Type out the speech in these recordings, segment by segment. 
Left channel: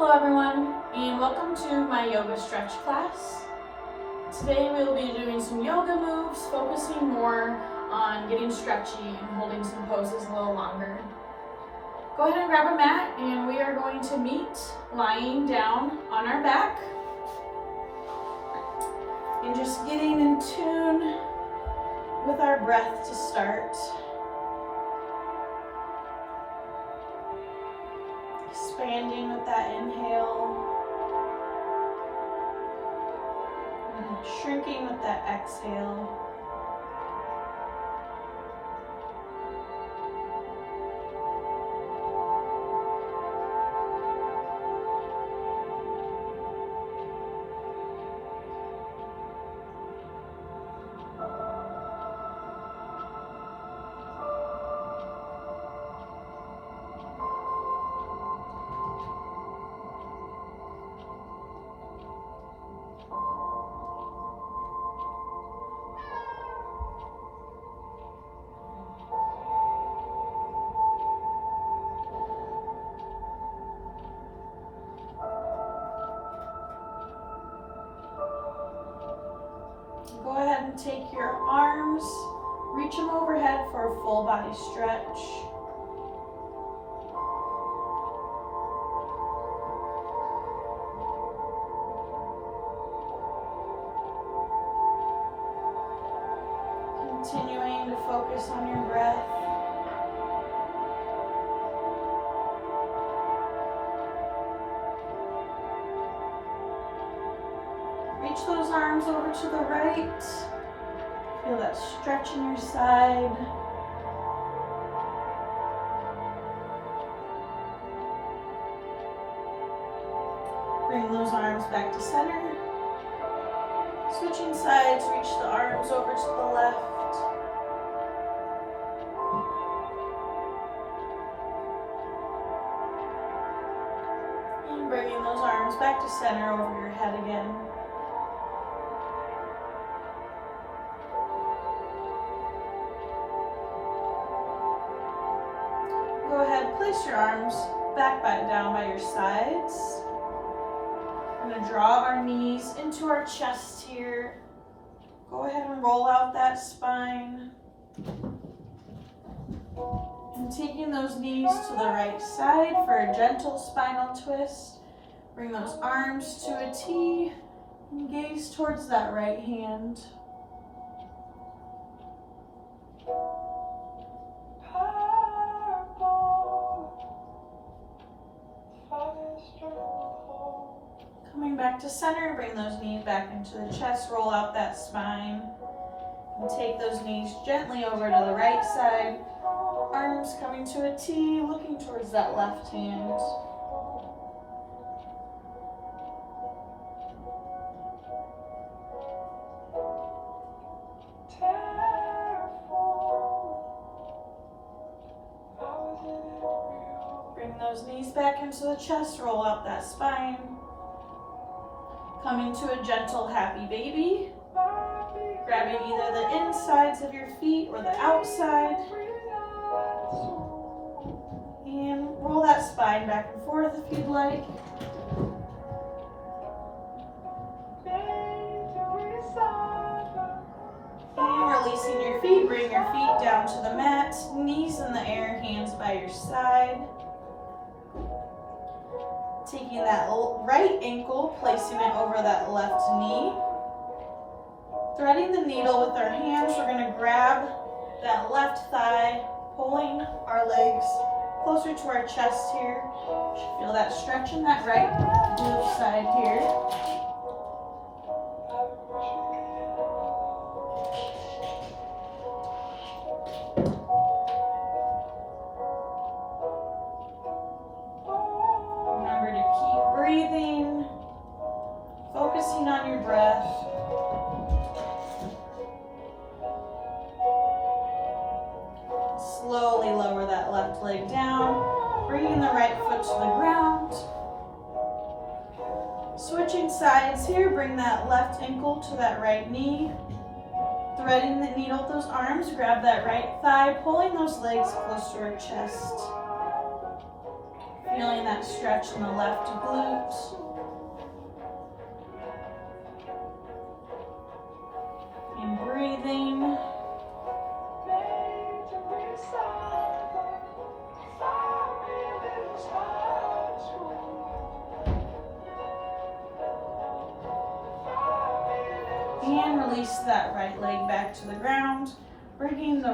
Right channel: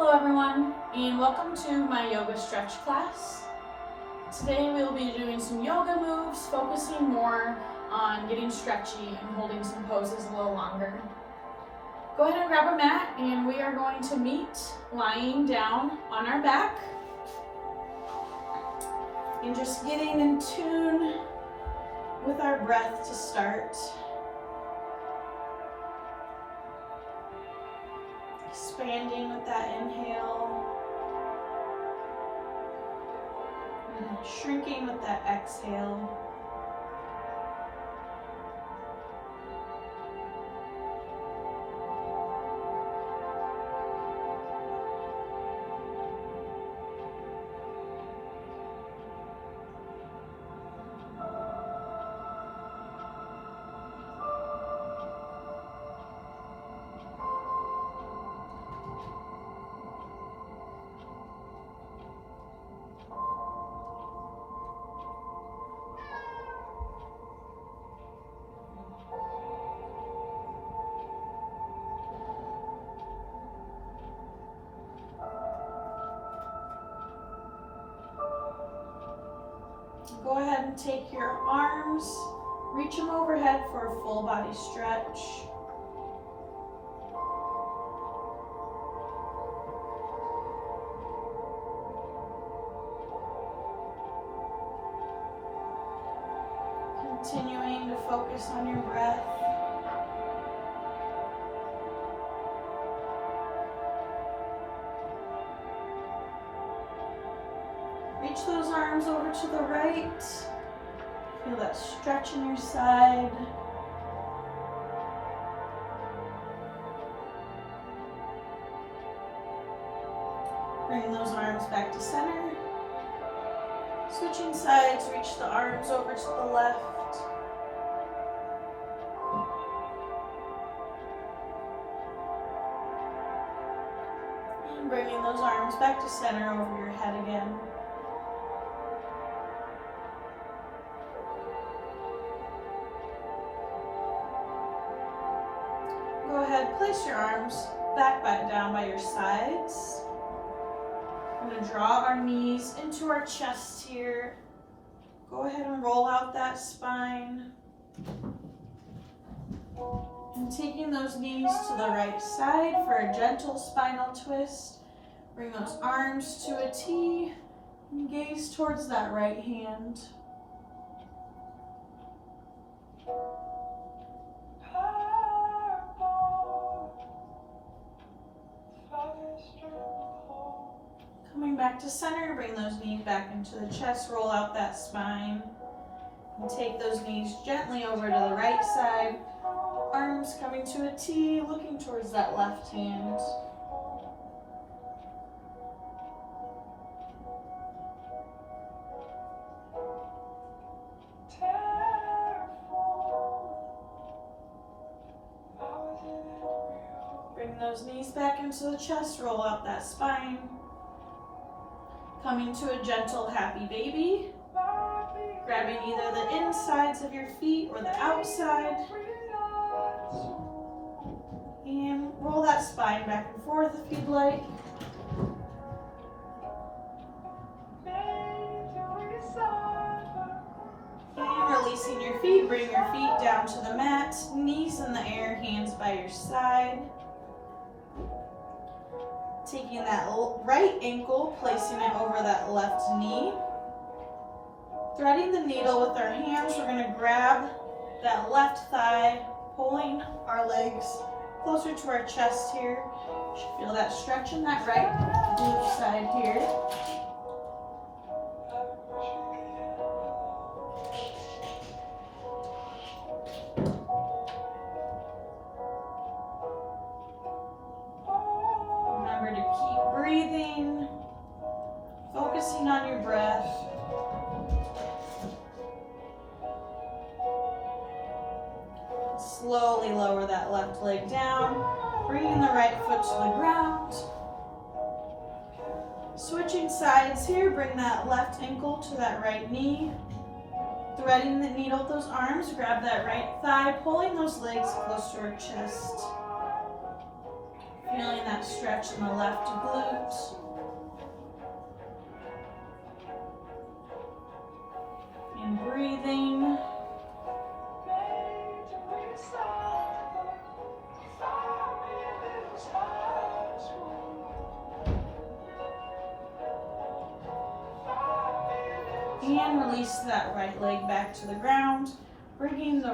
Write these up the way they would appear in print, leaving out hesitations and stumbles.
Hello everyone, and welcome to my yoga stretch class. Today we'll be doing some yoga moves, focusing more on getting stretchy and holding some poses a little longer. Go ahead and grab a mat, and we are going to meet lying down on our back and just getting in tune with our breath to start. Expanding with that inhale and shrinking with that exhale. Go ahead and take your arms, reach them overhead for a full body stretch. Continuing to focus on your breath. Reach those arms over to the right. Feel that stretch in your side. Bring those arms back to center. Switching sides, reach the arms over to the left. And bringing those arms back to center over your head again. Go ahead, place your arms back down by your sides. We're going to draw our knees into our chest here. Go ahead and roll out that spine. And taking those knees to the right side for a gentle spinal twist. Bring those arms to a T and gaze towards that right hand. Coming back to center, bring those knees back into the chest, roll out that spine, and take those knees gently over to the right side. Arms coming to a T, looking towards that left hand. Bring those knees back into the chest, roll out that spine. Coming to a gentle happy baby. Grabbing either the insides of your feet or the outside. And roll that spine back and forth if you'd like. And releasing your feet, bring your feet down to the mat, knees in the air, hands by your side. Taking that right ankle, placing it over that left knee. Threading the needle with our hands, we're going to grab that left thigh, pulling our legs closer to our chest here. You should feel that stretch in that right glute side here. Remember to keep breathing, focusing on your breath. Slowly lower that left leg down, bringing the right foot to the ground. Switching sides here, bring that left ankle to that right knee. Threading the needle with those arms, grab that right thigh, pulling those legs close to our chest. Feeling that stretch in the left glute. And breathing. And release that right leg back to the ground, bringing the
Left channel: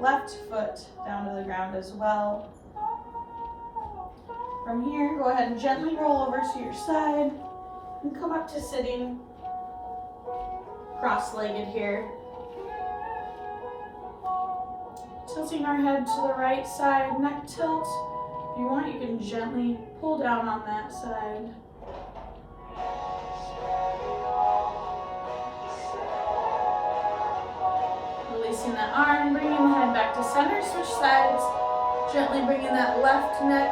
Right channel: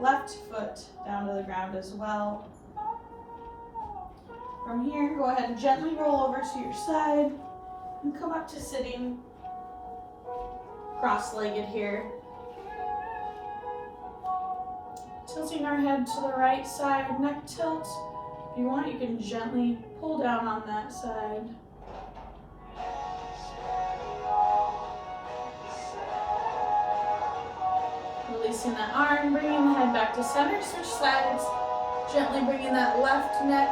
left foot down to the ground as well. From here, go ahead and gently roll over to your side and come up to sitting cross-legged here. Tilting our head to the right side, neck tilt. If you want, you can gently pull down on that side. Releasing that arm, bringing the head back to center, switch sides. Gently bringing that left neck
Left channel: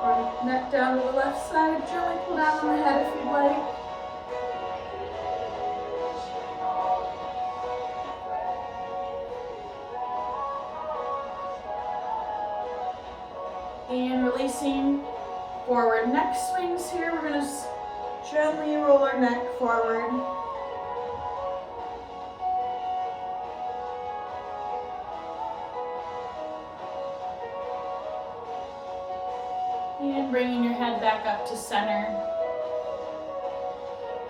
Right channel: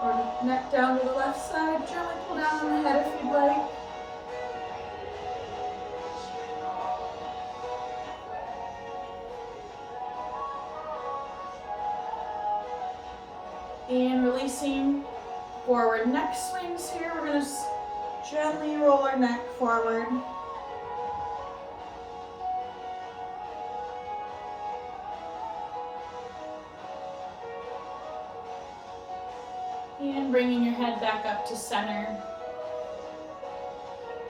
or neck down to the left side. Gently pull down on the head if you'd like. And releasing forward neck swings here. We're going to gently roll our neck forward. And bringing your head back up to center.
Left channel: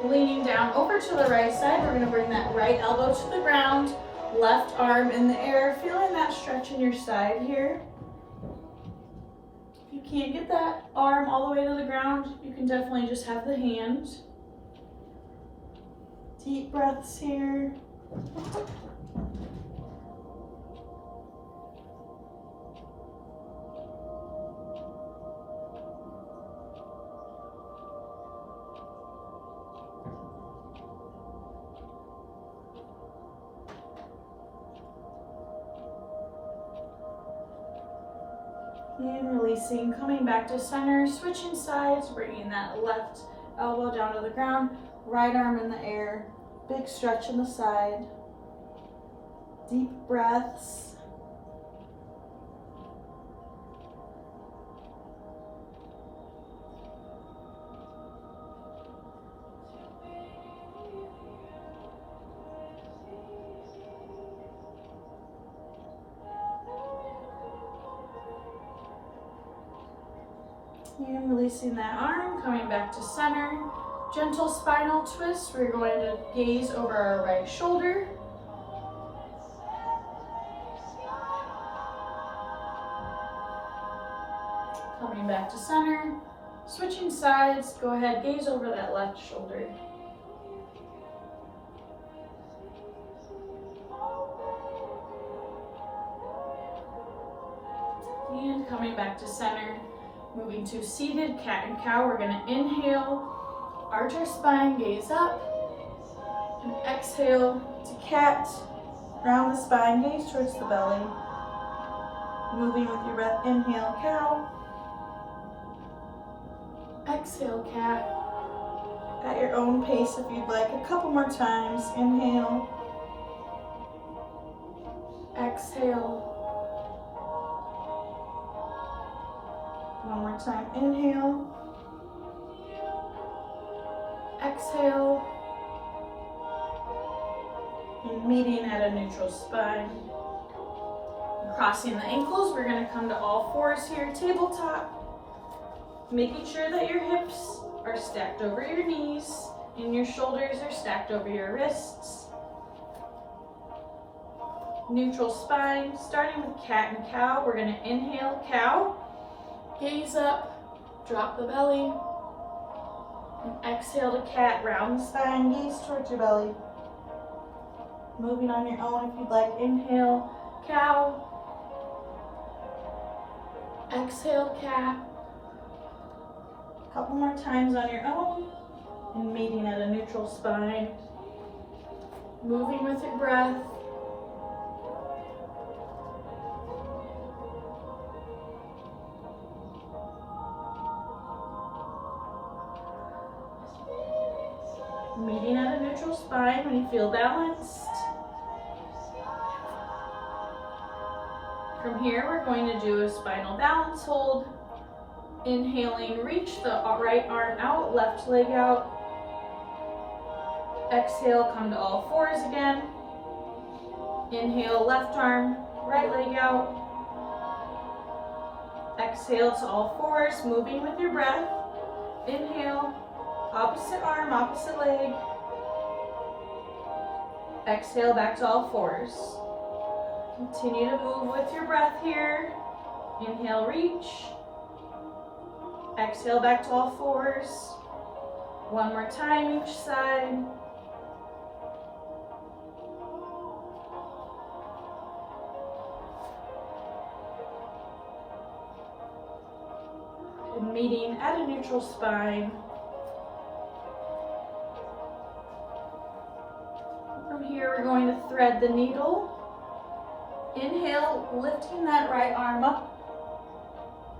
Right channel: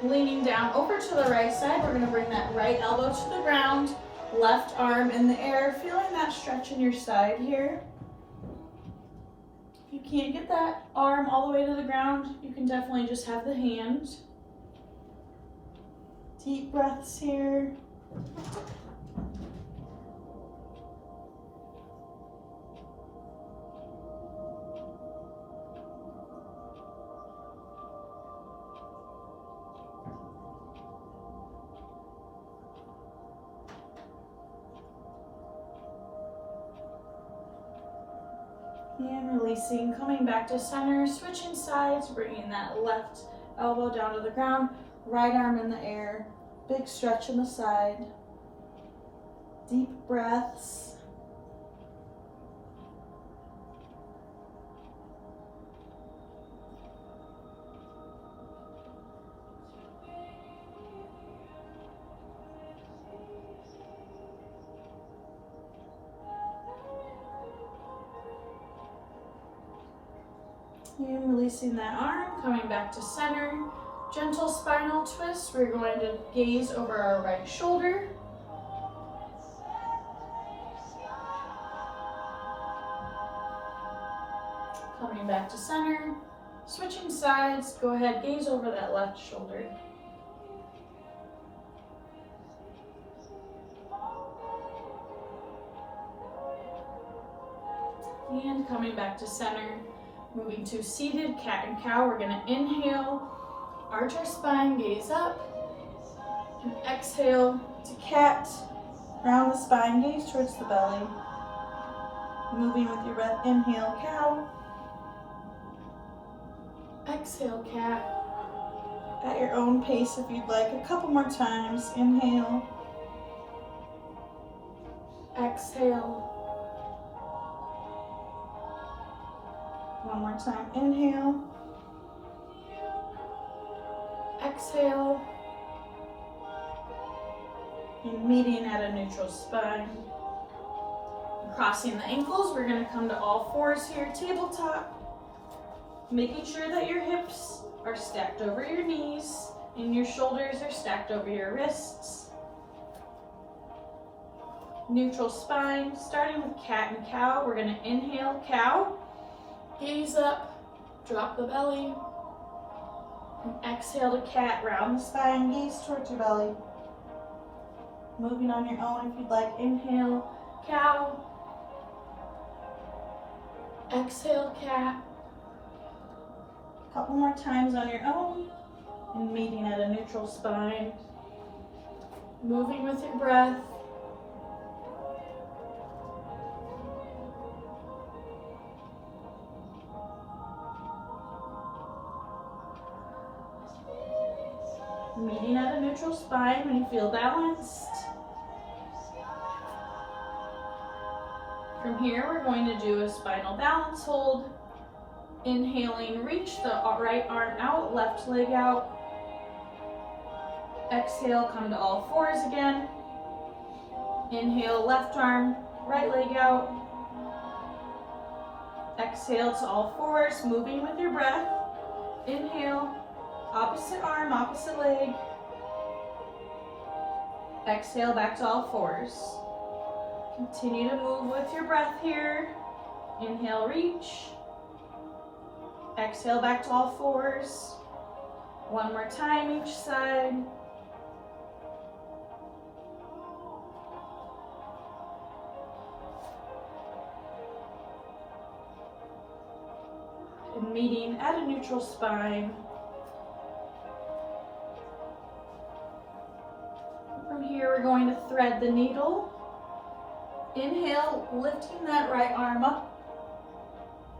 Leaning down over to the right side, we're going to bring that right elbow to the ground, left arm in the air, feeling that stretch in your side here. If you can't get that arm all the way to the ground, you can definitely just have the hand. Deep breaths here. And releasing, coming back to center, switching sides, bringing that left elbow down to the ground, right arm in the air, big stretch in the side, deep breaths. And releasing that arm, coming back to center. Gentle spinal twist. We're going to gaze over our right shoulder. Coming back to center. Switching sides. Go ahead, gaze over that left shoulder. And coming back to center. Moving to seated cat and cow, we're going to inhale, arch our spine, gaze up, and exhale to cat, round the spine, gaze towards the belly. Moving with your breath, inhale, cow, exhale, cat. At your own pace if you'd like, a couple more times, inhale, exhale. One more time, inhale, exhale, and meeting at a neutral spine. Crossing the ankles, we're going to come to all fours here, tabletop, making sure that your hips are stacked over your knees and your shoulders are stacked over your wrists. Neutral spine, starting with cat and cow, we're going to inhale, cow. Gaze up, drop the belly, and exhale to cat, round the spine, gaze towards your belly. Moving on your own if you'd like, inhale, cow, exhale, cat. A couple more times on your own, and meeting at a neutral spine. Moving with your breath. Meeting at a neutral spine when you feel balanced. From here, we're going to do a spinal balance hold. Inhaling, reach the right arm out, left leg out. Exhale, come to all fours again. Inhale, left arm, right leg out. Exhale to all fours, moving with your breath. Inhale, opposite arm, opposite leg. Exhale, back to all fours. Continue to move with your breath here. Inhale, reach. Exhale, back to all fours. One more time each side. And meeting at a neutral spine. From here, we're going to thread the needle. Inhale, lifting that right arm up.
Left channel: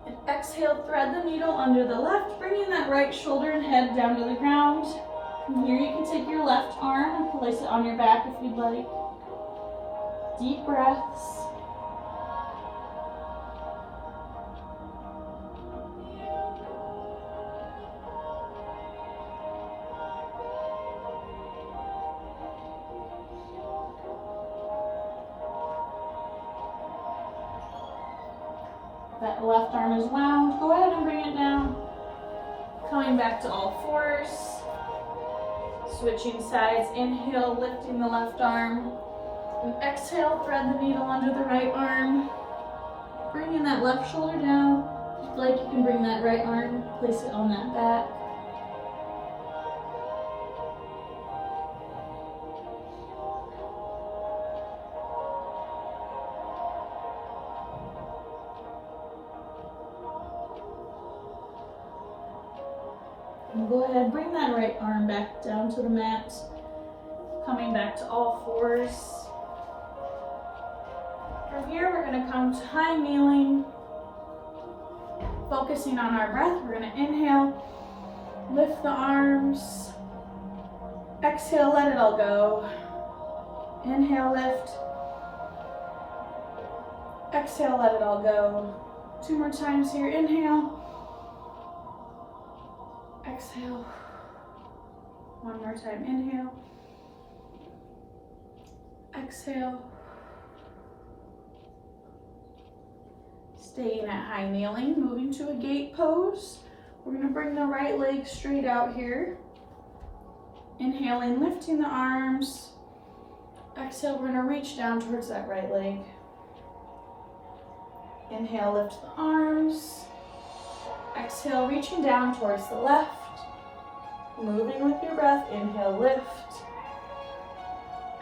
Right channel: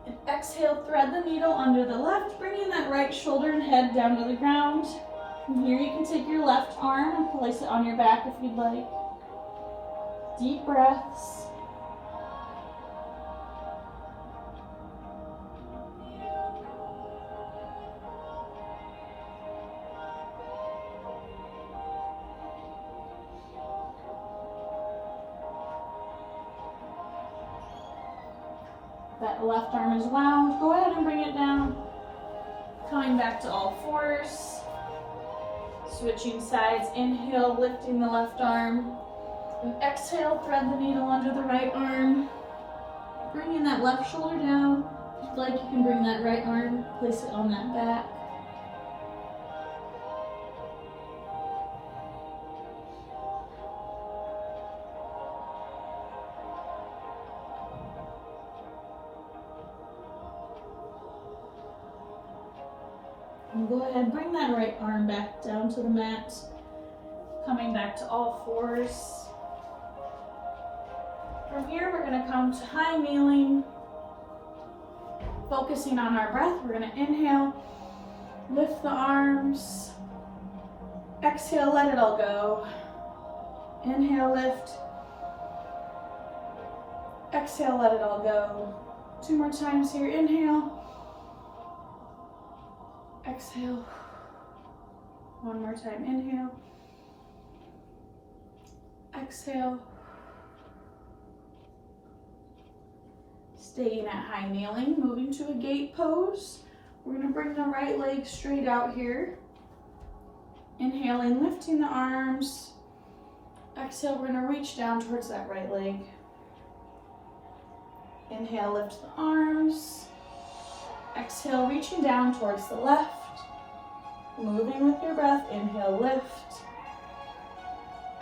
And exhale, thread the needle under the left, bringing that right shoulder and head down to the ground. From here, you can take your left arm and place it on your back if you'd like. Deep breaths. That left arm is wound. Go ahead and bring it down. Coming back to all fours. Switching sides. Inhale, lifting the left arm. And exhale, thread the needle under the right arm. Bringing that left shoulder down. If you'd like, you can bring that right arm, place it on that back. And go ahead, bring that right arm back down to the mat. Coming back to all fours. From here, we're going to come to high kneeling. Focusing on our breath, we're going to inhale, lift the arms. Exhale, let it all go. Inhale, lift. Exhale, let it all go. Two more times here. Inhale. Exhale. One more time. Inhale. Exhale. Staying at high kneeling, moving to a gate pose. We're going to bring the right leg straight out here. Inhaling, lifting the arms. Exhale, we're going to reach down towards that right leg. Inhale, lift the arms. Exhale, reaching down towards the left. Moving with your breath. Inhale, lift.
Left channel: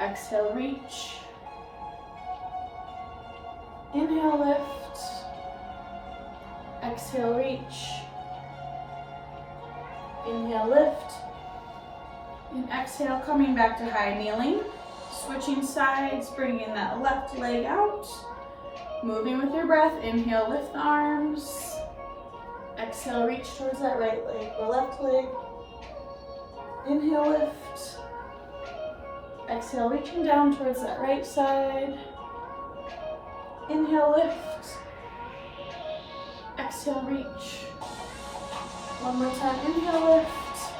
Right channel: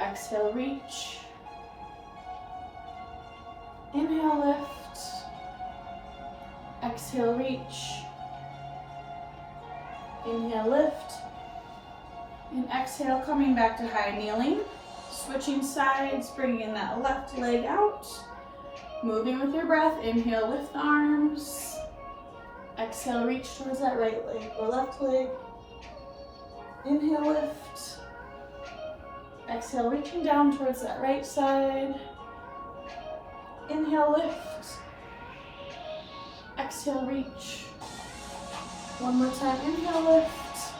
Exhale, reach. Inhale, lift. Exhale, reach. Inhale, lift. And exhale, coming back to high kneeling. Switching sides, bringing that left leg out. Moving with your breath. Inhale, lift the arms. Exhale, reach towards that right leg or left leg. Inhale, lift. Exhale, reaching down towards that right side. Inhale, lift. Exhale, reach. One more time. Inhale, lift.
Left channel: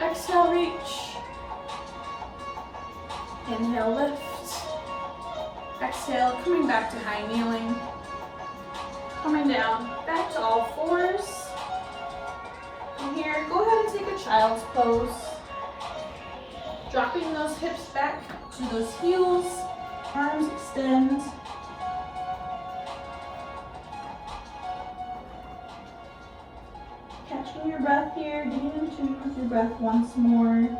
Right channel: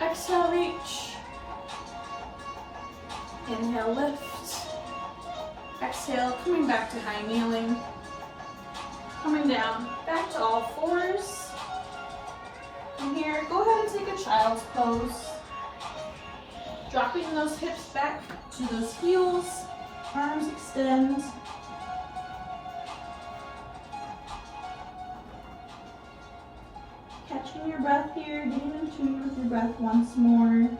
Exhale, reach. Inhale, lift. Exhale, coming back to high kneeling. Coming down, back to all fours. From here, go ahead and take a child's pose. Dropping those hips back to those heels. Arms extend. Catching your breath here, getting in tune with your breath once more.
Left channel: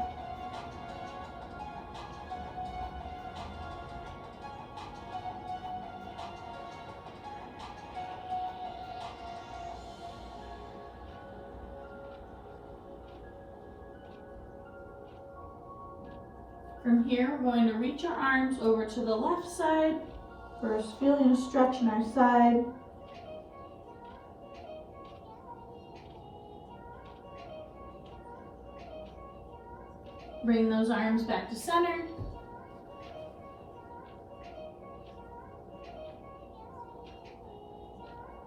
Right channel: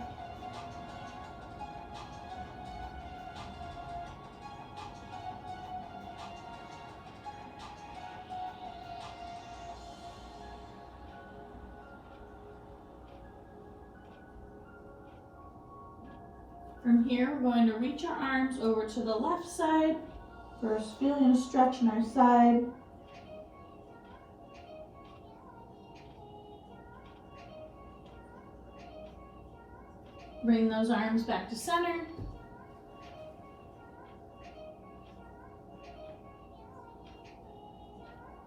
From here, we're going to reach our arms over to the left side. First, feeling a stretch in our side. Bring those arms back to center.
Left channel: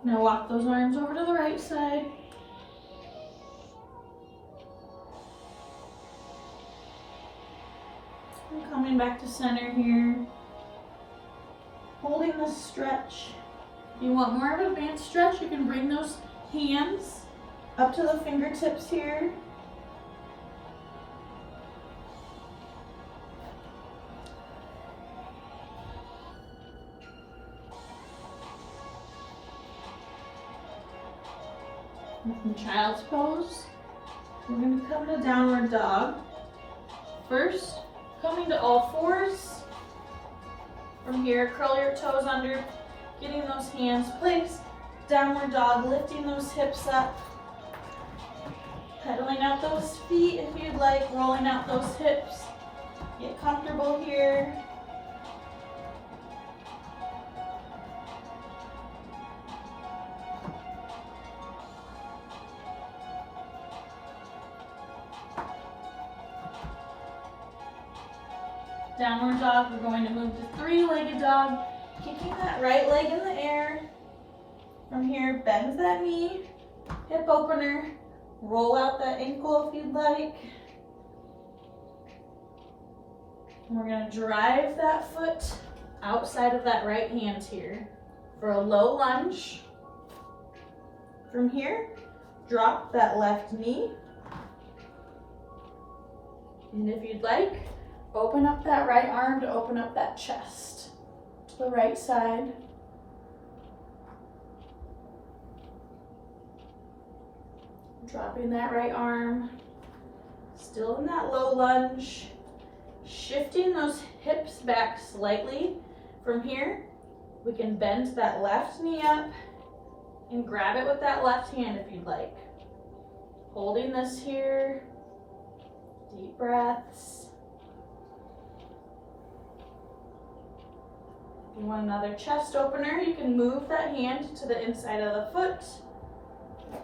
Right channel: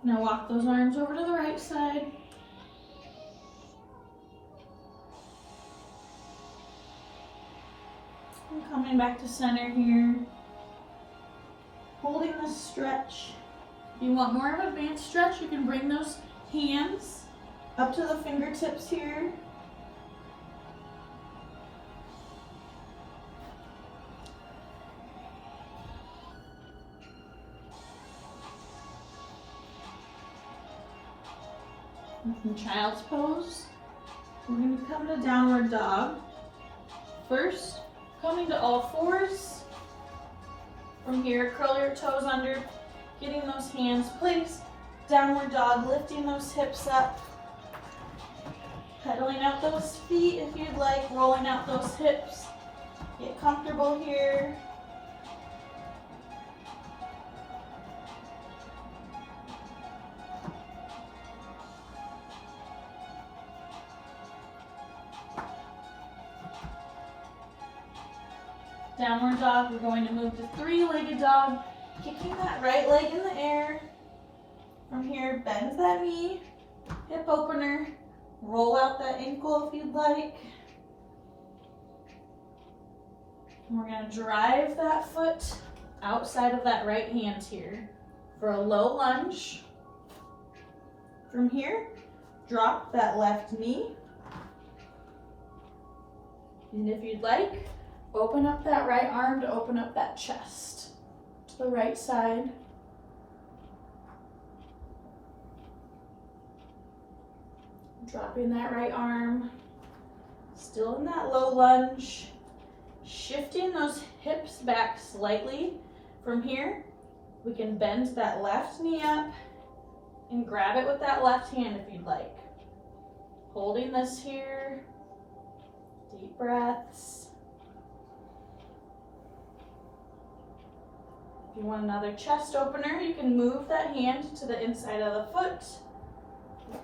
Now walk those arms over to the right side. And coming back to center here. Holding this stretch. If you want more of an advanced stretch, you can bring those hands up to the fingertips here. And from child's pose, we're going to come to downward dog. First, coming to all fours. From here, curl your toes under, getting those hands placed. Downward dog, lifting those hips up. Pedaling out those feet if you'd like, rolling out those hips. Get comfortable here. Downward dog, we're going to move to three-legged dog, kicking that right leg in the air. From here, bend that knee, hip opener, roll out that ankle if you'd like. And we're going to drive that foot outside of that right hand here for a low lunge. From here, drop that left knee. And if you'd like, open up that right arm to open up that chest to the right side. Dropping that right arm, still in that low lunge. Shifting those hips back slightly. From here, we can bend that left knee up and grab it with that left hand if you'd like. Holding this here, deep breaths. If you want another chest opener, you can move that hand to the inside of the foot.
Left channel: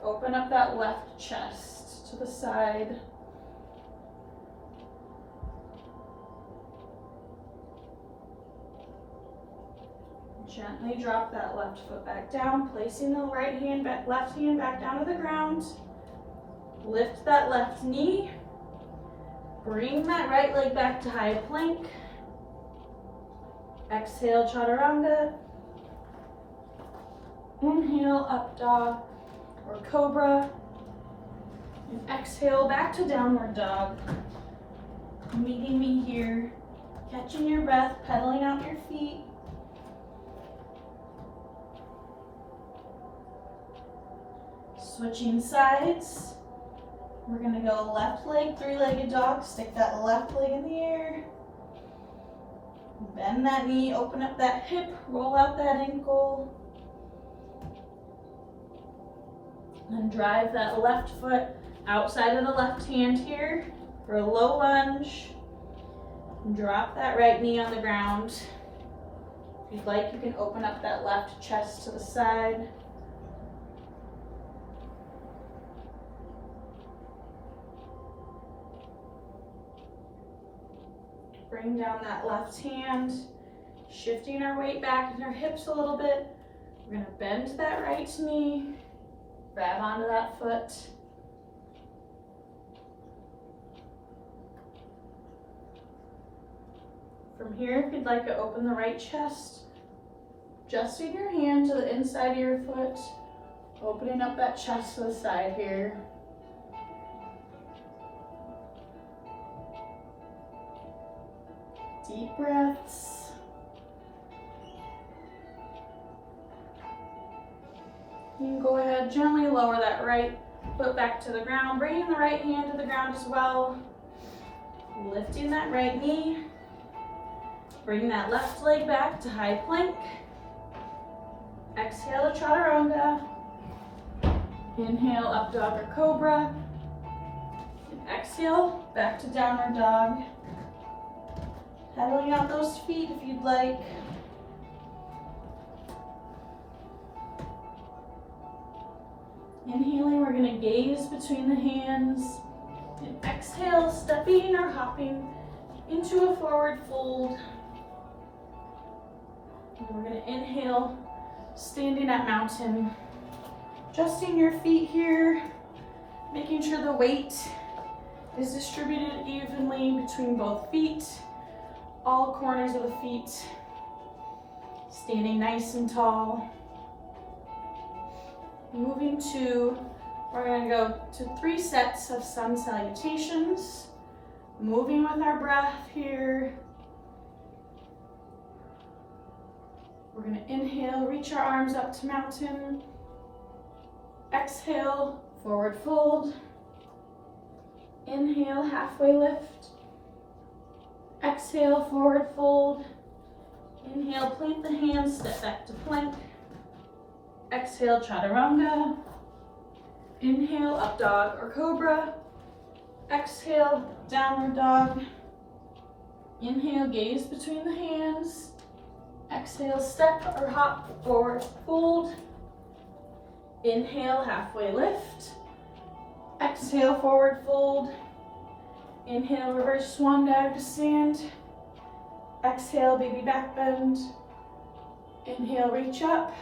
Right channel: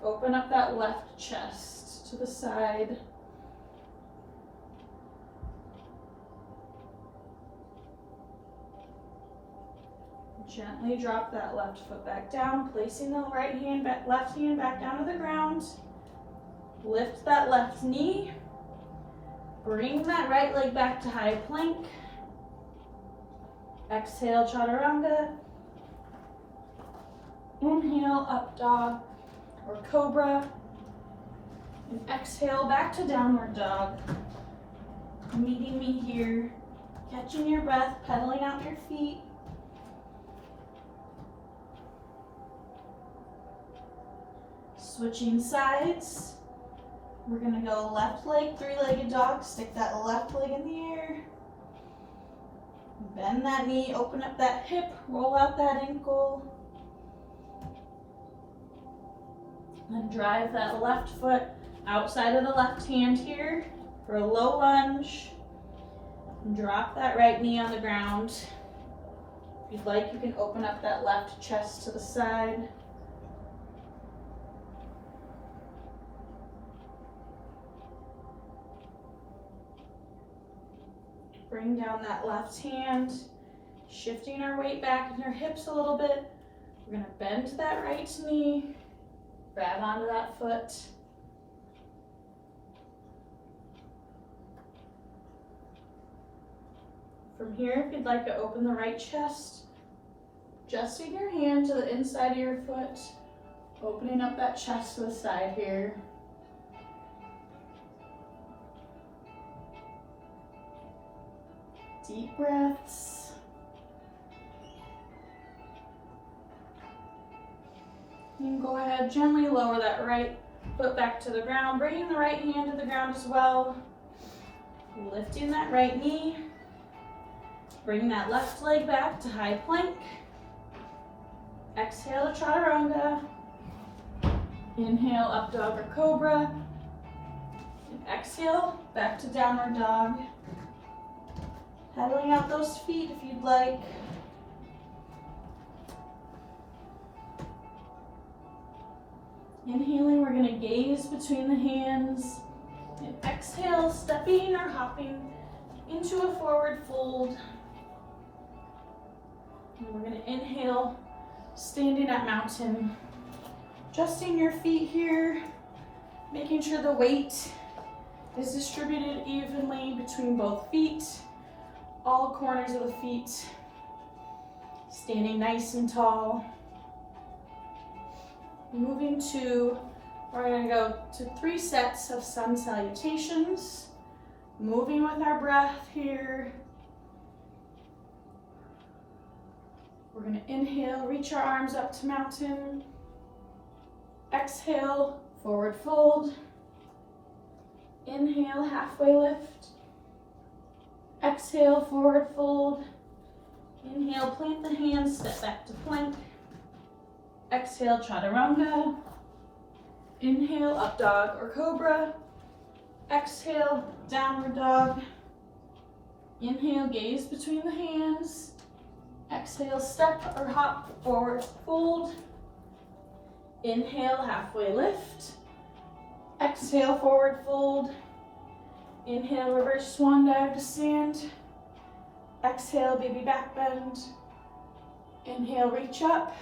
Open up that left chest to the side. Gently drop that left foot back down, placing the right hand back, left hand back down to the ground. Lift that left knee. Bring that right leg back to high plank. Exhale, chaturanga. Inhale, up dog or cobra. And exhale, back to downward dog. Meeting me here. Catching your breath, pedaling out your feet. Switching sides. We're gonna go left leg, three-legged dog. Stick that left leg in the air. Bend that knee, open up that hip, roll out that ankle. And drive that left foot outside of the left hand here for a low lunge. And drop that right knee on the ground. If you'd like, you can open up that left chest to the side. Bring down that left hand, shifting our weight back in our hips a little bit. We're gonna bend that right knee, grab onto that foot. From here, if you'd like to open the right chest, adjusting your hand to the inside of your foot, opening up that chest to the side here. Deep breaths. You can go ahead, gently lower that right foot back to the ground, bringing the right hand to the ground as well. Lifting that right knee. Bring that left leg back to high plank. Exhale to chaturanga. Inhale, up dog or cobra. And exhale, back to downward dog. Pedaling out those feet if you'd like. Inhaling, we're going to gaze between the hands. And exhale, stepping or hopping into a forward fold. And we're going to inhale, standing at mountain. Adjusting your feet here, making sure the weight is distributed evenly between both feet, all corners of the feet, standing nice and tall. Moving to, we're gonna go to 3 sets of sun salutations, moving with our breath here. We're gonna inhale, reach our arms up to mountain. Exhale, forward fold. Inhale, halfway lift. Exhale, forward fold. Inhale, plant the hands, step back to plank. Exhale, chaturanga. Inhale, up dog or cobra. Exhale, downward dog. Inhale, gaze between the hands. Exhale, step or hop, forward fold. Inhale, halfway lift. Exhale, forward fold. Inhale, reverse swan dive to stand. Exhale, baby back bend. Inhale, reach up.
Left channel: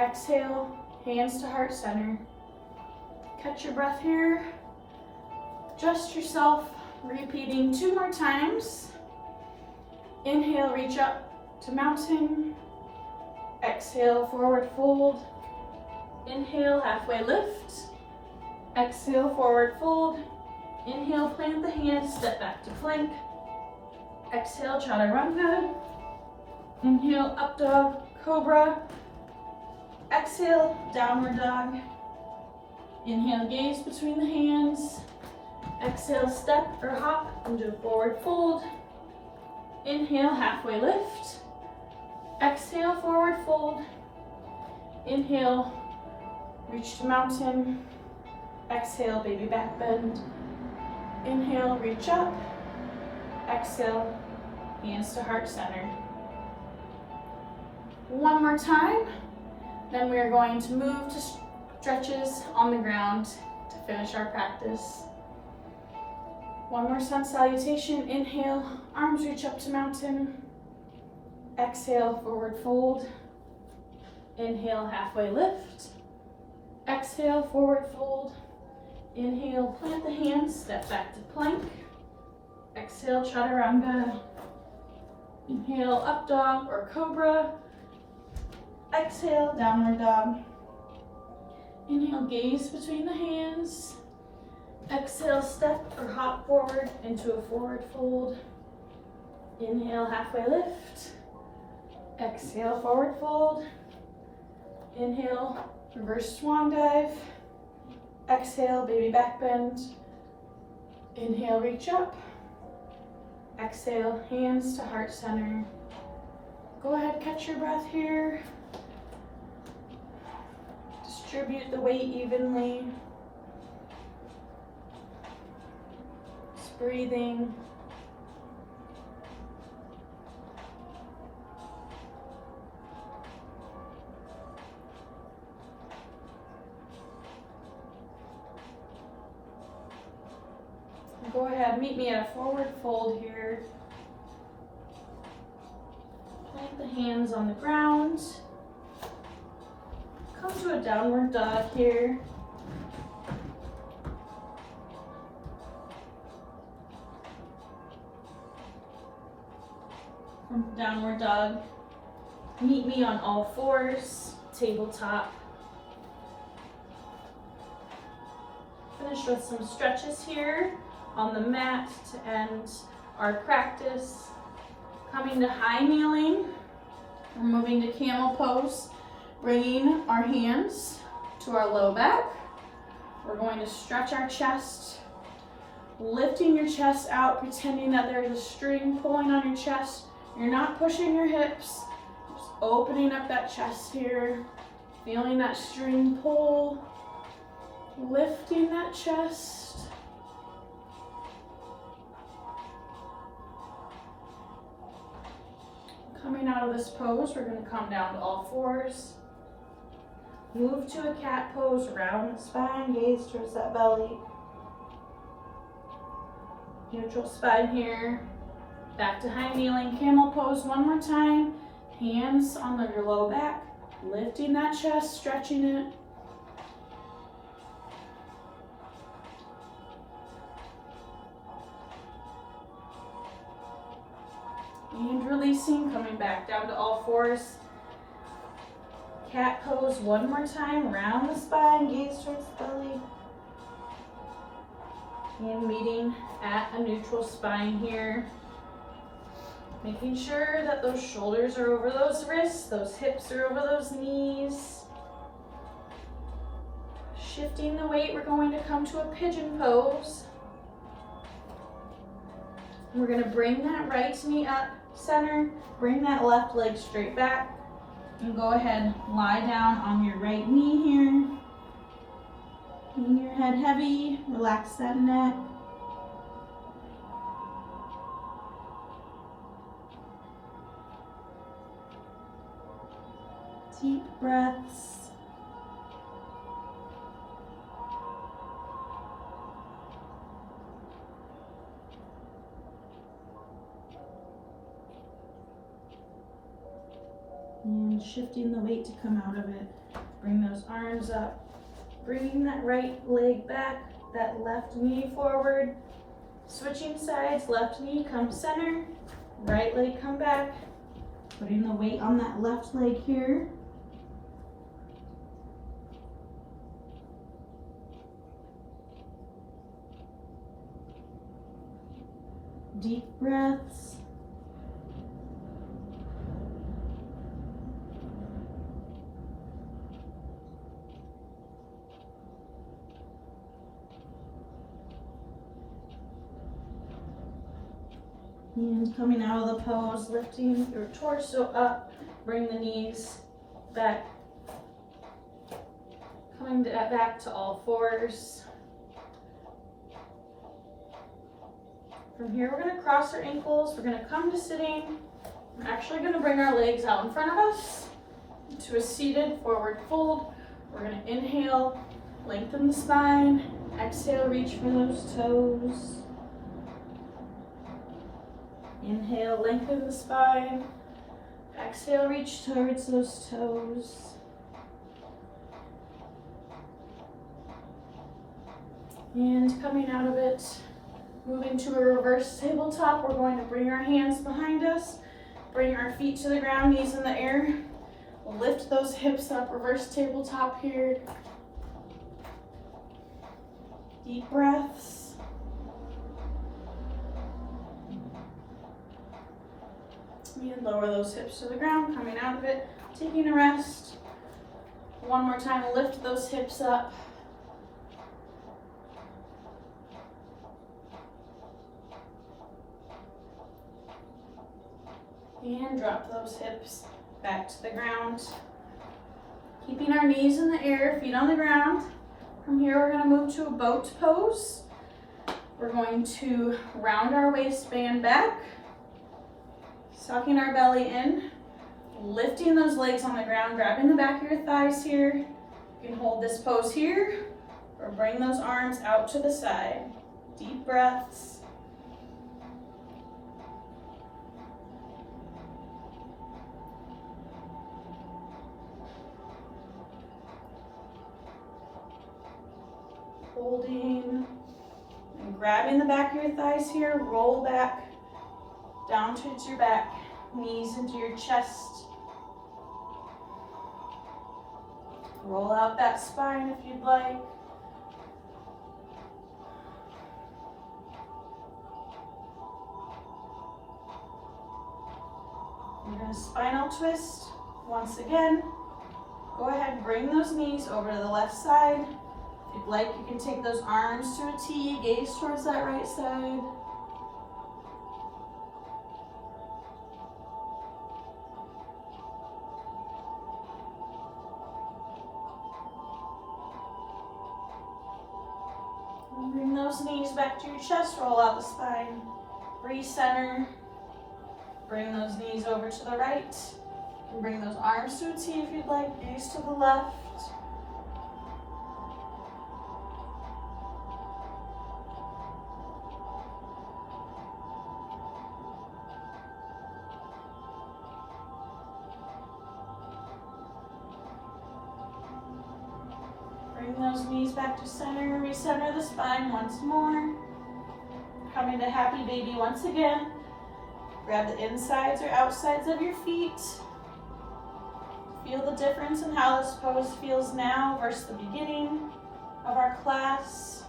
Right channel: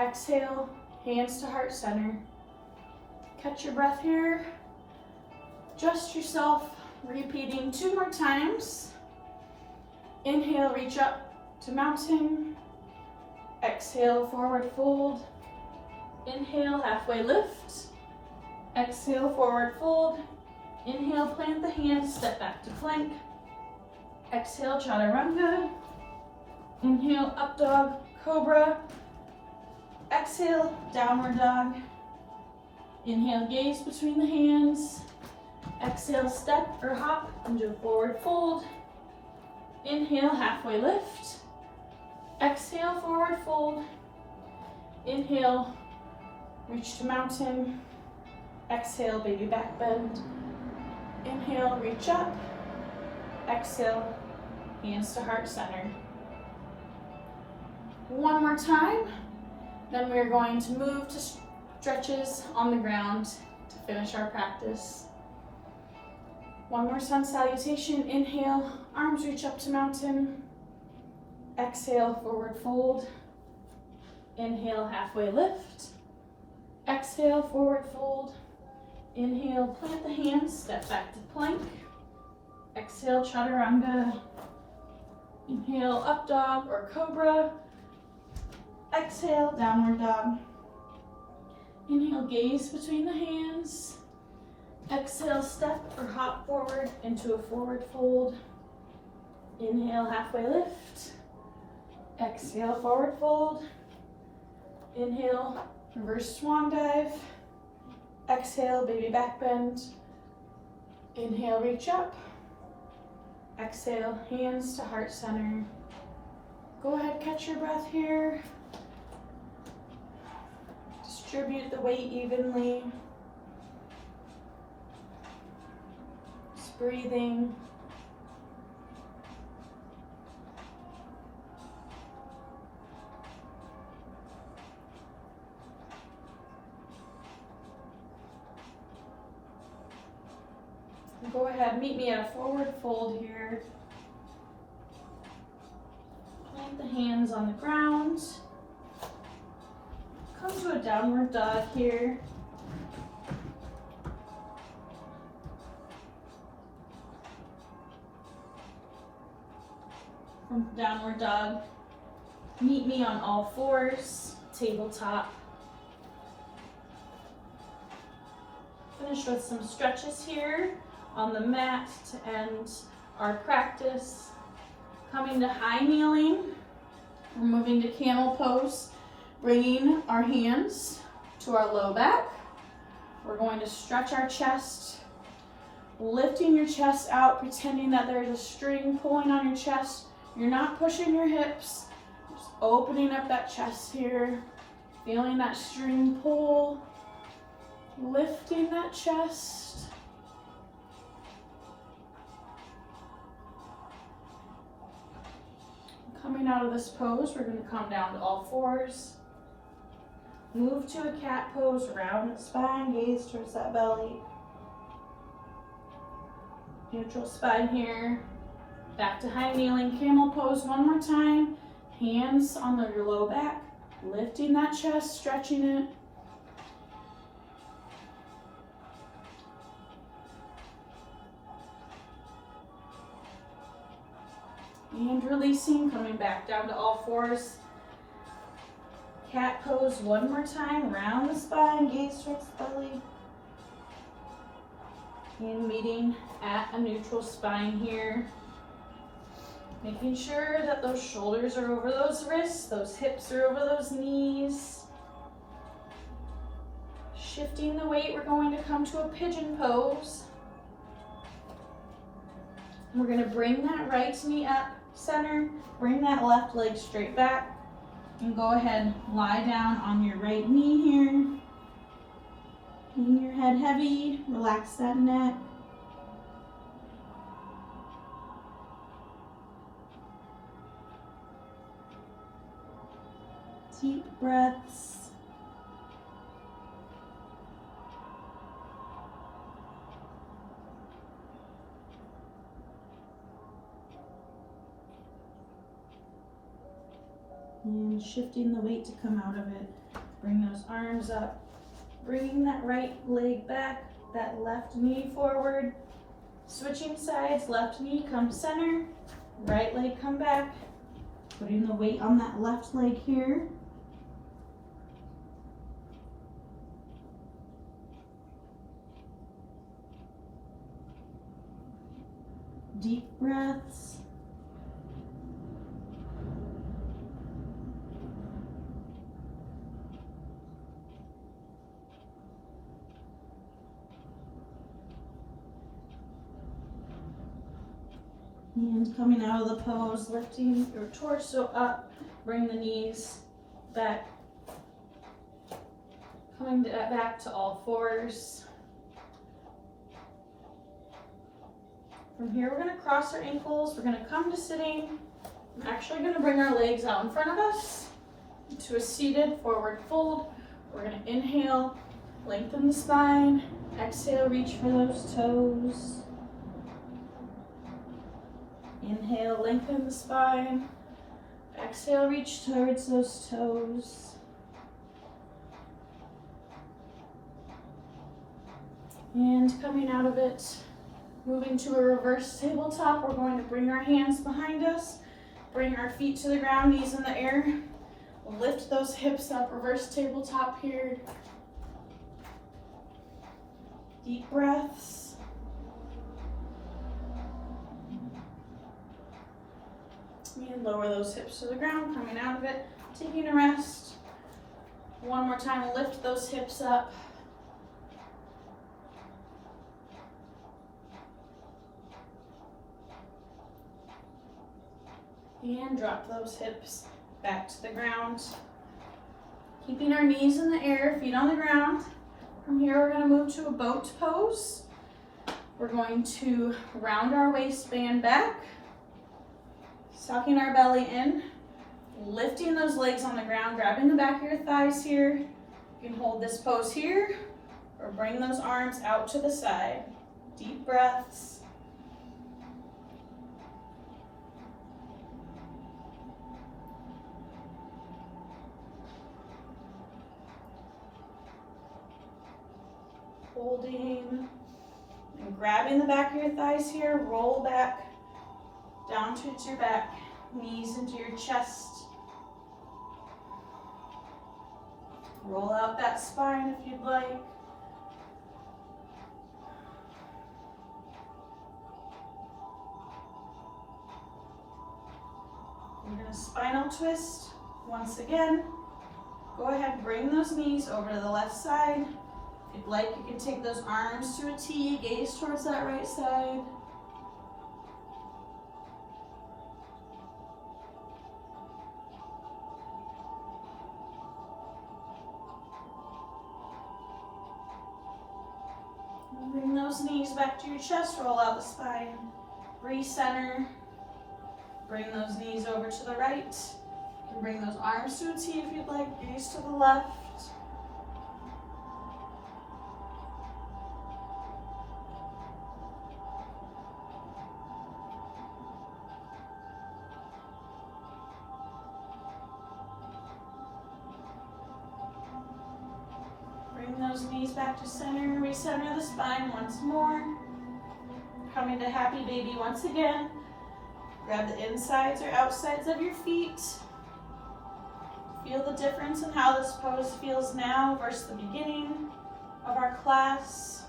Exhale, hands to heart center. Catch your breath here. Adjust yourself, repeating 2 more times. Inhale, reach up to mountain. Exhale, forward fold. Inhale, halfway lift. Exhale, forward fold. Inhale, plant the hands, step back to plank. Exhale, chaturanga. Inhale, up dog, cobra. Exhale, downward dog. Inhale, gaze between the hands. Exhale, step or hop into forward fold. Inhale, halfway lift. Exhale, forward fold. Inhale, reach to mountain. Exhale, baby back bend. Inhale, reach up. Exhale, hands to heart center. 1 more time. Then we're going to move to stretches on the ground to finish our practice. 1 more sun salutation. Inhale, arms reach up to mountain. Exhale, forward fold. Inhale, halfway lift. Exhale, forward fold. Inhale, plant the hands, step back to plank. Exhale, chaturanga. Inhale, up dog or cobra. Exhale, downward dog. Inhale, gaze between the hands. Exhale, step or hop forward into a forward fold. Inhale, halfway lift. Exhale, forward fold. Inhale, reverse swan dive. Exhale, baby back bend. Inhale, reach up. Exhale, hands to heart center. Go ahead, catch your breath here. Distribute the weight evenly. Just breathing. Go ahead, meet me at a forward fold here. Plant the hands on the ground. Come to a downward dog here. From downward dog, meet me on all fours, tabletop. Finish with some stretches here on the mat to end our practice. Coming to high kneeling, we're moving to camel pose, bringing our hands to our low back. We're going to stretch our chest, lifting your chest out, pretending that there's a string pulling on your chest. You're not pushing your hips, just opening up that chest here, feeling that string pull, lifting that chest. Coming out of this pose, we're going to come down to all fours. Move to a cat pose, round the spine, gaze towards that belly. Neutral spine here. Back to high kneeling, camel pose 1 more time. Hands on your low back, lifting that chest, stretching it. And releasing, coming back down to all fours. Cat pose one more time, round the spine, gaze towards the belly. And meeting at a neutral spine here. Making sure that those shoulders are over those wrists, those hips are over those knees. Shifting the weight, we're going to come to a pigeon pose. We're going to bring that right knee up center, bring that left leg straight back, and go ahead, lie down on your right knee here. Keeping your head heavy, relax that neck. Deep breaths. And shifting the weight to come out of it. Bring those arms up. Bringing that right leg back, that left knee forward. Switching sides, left knee come center, right leg come back. Putting the weight on that left leg here. Deep breaths. And coming out of the pose, lifting your torso up, bring the knees back, coming back to all fours. From here, we're going to cross our ankles. We're going to come to sitting. I'm actually going to bring our legs out in front of us to a seated forward fold. We're going to inhale, lengthen the spine. Exhale, reach for those toes. Inhale, lengthen the spine. Exhale, reach towards those toes. And coming out of it, moving to a reverse tabletop, we're going to bring our hands behind us, bring our feet to the ground, knees in the air. Lift those hips up, reverse tabletop here. Deep breaths. And lower those hips to the ground, coming out of it, taking a rest. One more time, lift those hips up. And drop those hips back to the ground. Keeping our knees in the air, feet on the ground. From here, we're going to move to a boat pose. We're going to round our waistband back, sucking our belly in, lifting those legs on the ground, grabbing the back of your thighs here. You can hold this pose here, or bring those arms out to the side. Deep breaths. Holding and grabbing the back of your thighs here, roll back down towards your back, knees into your chest. Roll out that spine if you'd like. You're going to spinal twist once again. Go ahead, bring those knees over to the left side. If you'd like, you can take those arms to a T, gaze towards that right side. And bring those knees back to your chest, roll out the spine. Recenter. Bring those knees over to the right. And bring those arms to a T if you'd like, gaze to the left. Bring those knees back to center, recenter the spine once more. Coming to happy baby once again. Grab the insides or outsides of your feet. Feel the difference in how this pose feels now versus the beginning of our class.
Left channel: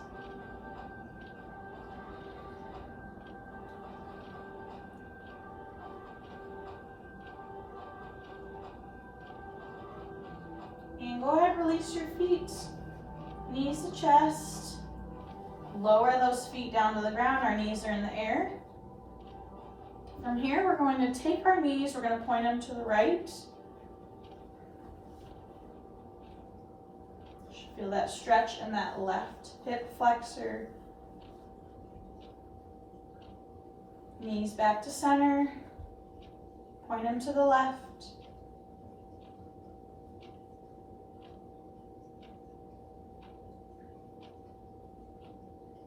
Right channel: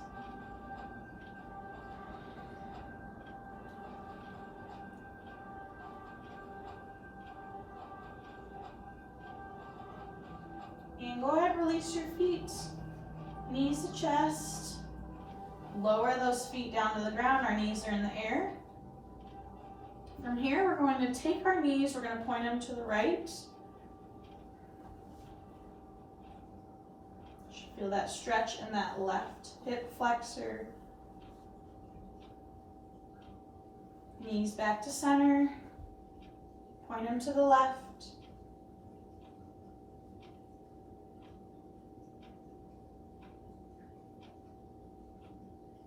And go ahead, release your feet, knees to chest. Lower those feet down to the ground, our knees are in the air. From here, we're going to take our knees, we're going to point them to the right. Feel that stretch in that left hip flexor. Knees back to center. Point them to the left.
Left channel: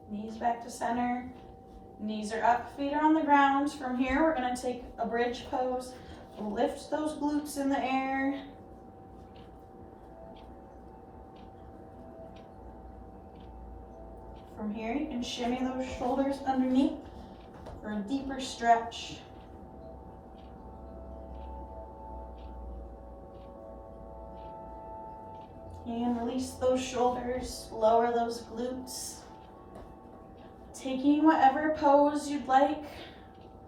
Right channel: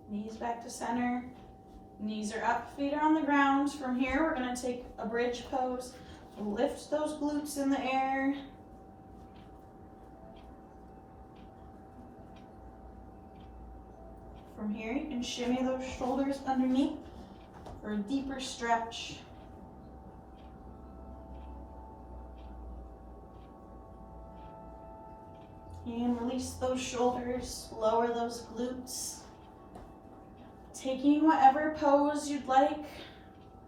Knees back to center. Knees are up, feet are on the ground. From here, we're going to take a bridge pose. Lift those glutes in the air. From here, you can shimmy those shoulders underneath for a deeper stretch. And release those shoulders, lower those glutes. Taking whatever pose you'd like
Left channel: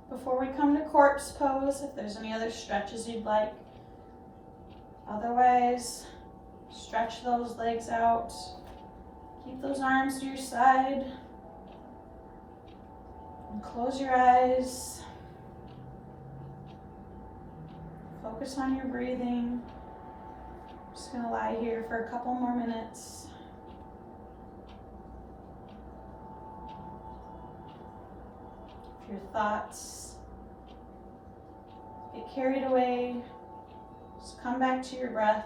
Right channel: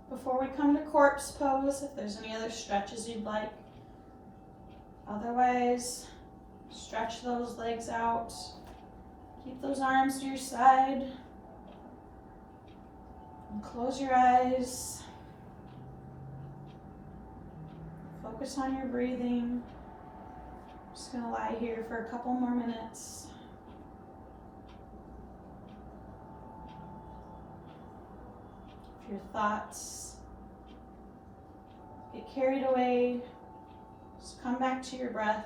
before we come to corpse pose, if there's any other stretches you'd like. Otherwise, stretch those legs out. Keep those arms to your side. And close your eyes. Focus on your breathing. Just gonna lie here for a couple more minutes. If your thoughts get carried away, just come back to your breath.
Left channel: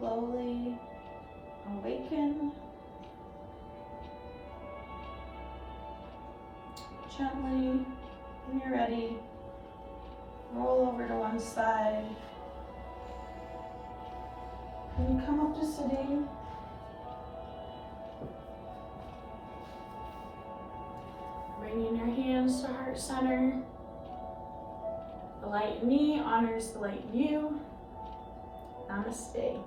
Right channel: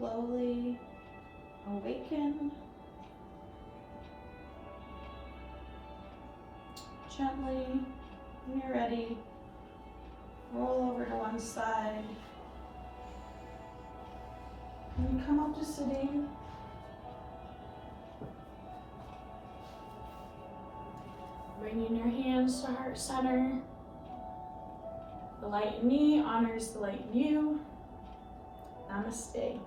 Slowly awaken. Gently, when you're ready, roll over to one side. And come up to sitting. Bringing your hands to heart center. The light in me honors the light in you. Namaste.